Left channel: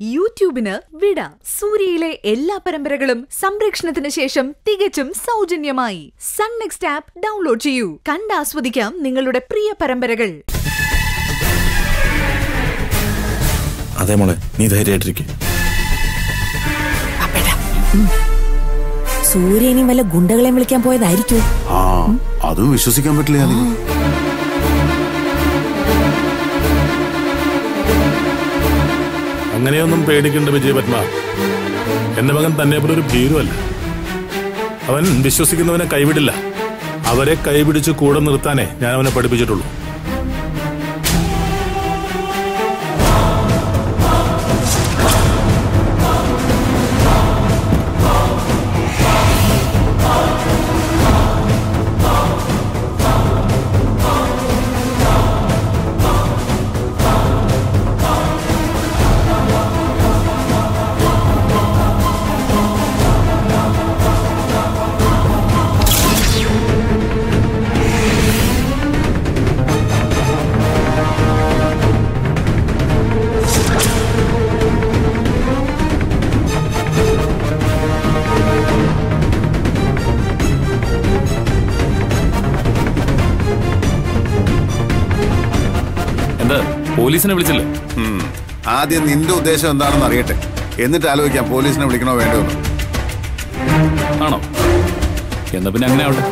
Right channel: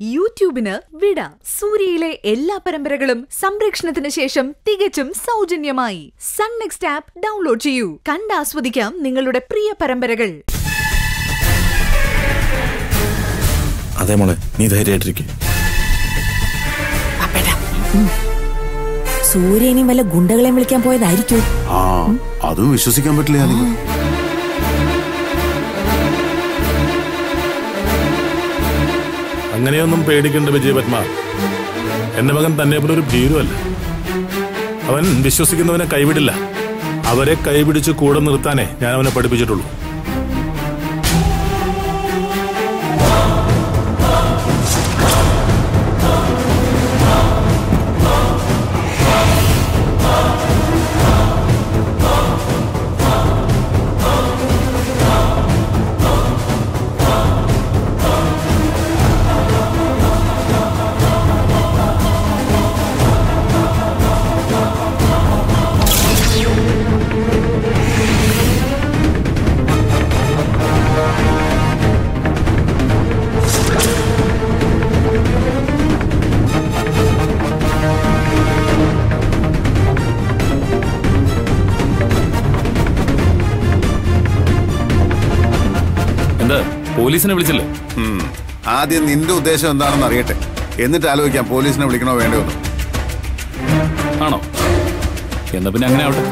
യൂട്യൂബിന് വിട. സൂര്യയിലെ എല്ലാ പരമ്പരകളും സംരക്ഷണത്തിന് ശേഷം തികച്ചും സൗജന്യമായി സൺ നെക്സ്റ്റ് ആപ്പ് ഡൗൺലോഡ് ചെയ്യൂ. കണ്ടാസ്വദിക്കാം നിങ്ങളുടെ പ്രിയ പരമ്പരകൾ. അതെ മോളെ, നീ ധൈര്യമായിട്ടിരിക്കും. സൂര്യനും വല്ല ഗുണ്ടകളെ വിളിക്കാൻ പോയതായിരിക്കും. അതും വിശ്വസിക്കാൻ പറ്റില്ല. അങ്ങനെയൊന്നും പേടിക്കേണ്ട വിജയപത്മ. എന്റെ മകൻ തന്നെ പോലെ ഒരു ഭീരുവല്ല. അവൻ വിശ്വസിക്കുന്നവനെ കൈവിടില്ല. അവരെ കൈപിടിച്ച് കൂടെ നിർത്താനേ ഞാൻ അവനെ പഠിപ്പിച്ചിട്ടുള്ളൂ. എന്താ പോലീസിനെ വിളിച്ചില്ലേ? ആദ്യം നിന്റെ ഉദ്ദേശം എന്താണെന്ന് അറിയട്ടെ, എന്നിട്ട് ആലോചിക്കാം പോലീസിനെ വിളിക്കണോ വേണ്ടോ എന്ന്. ആണോ? എന്നാ പിന്നെ അങ്ങനെ ആവട്ടെ.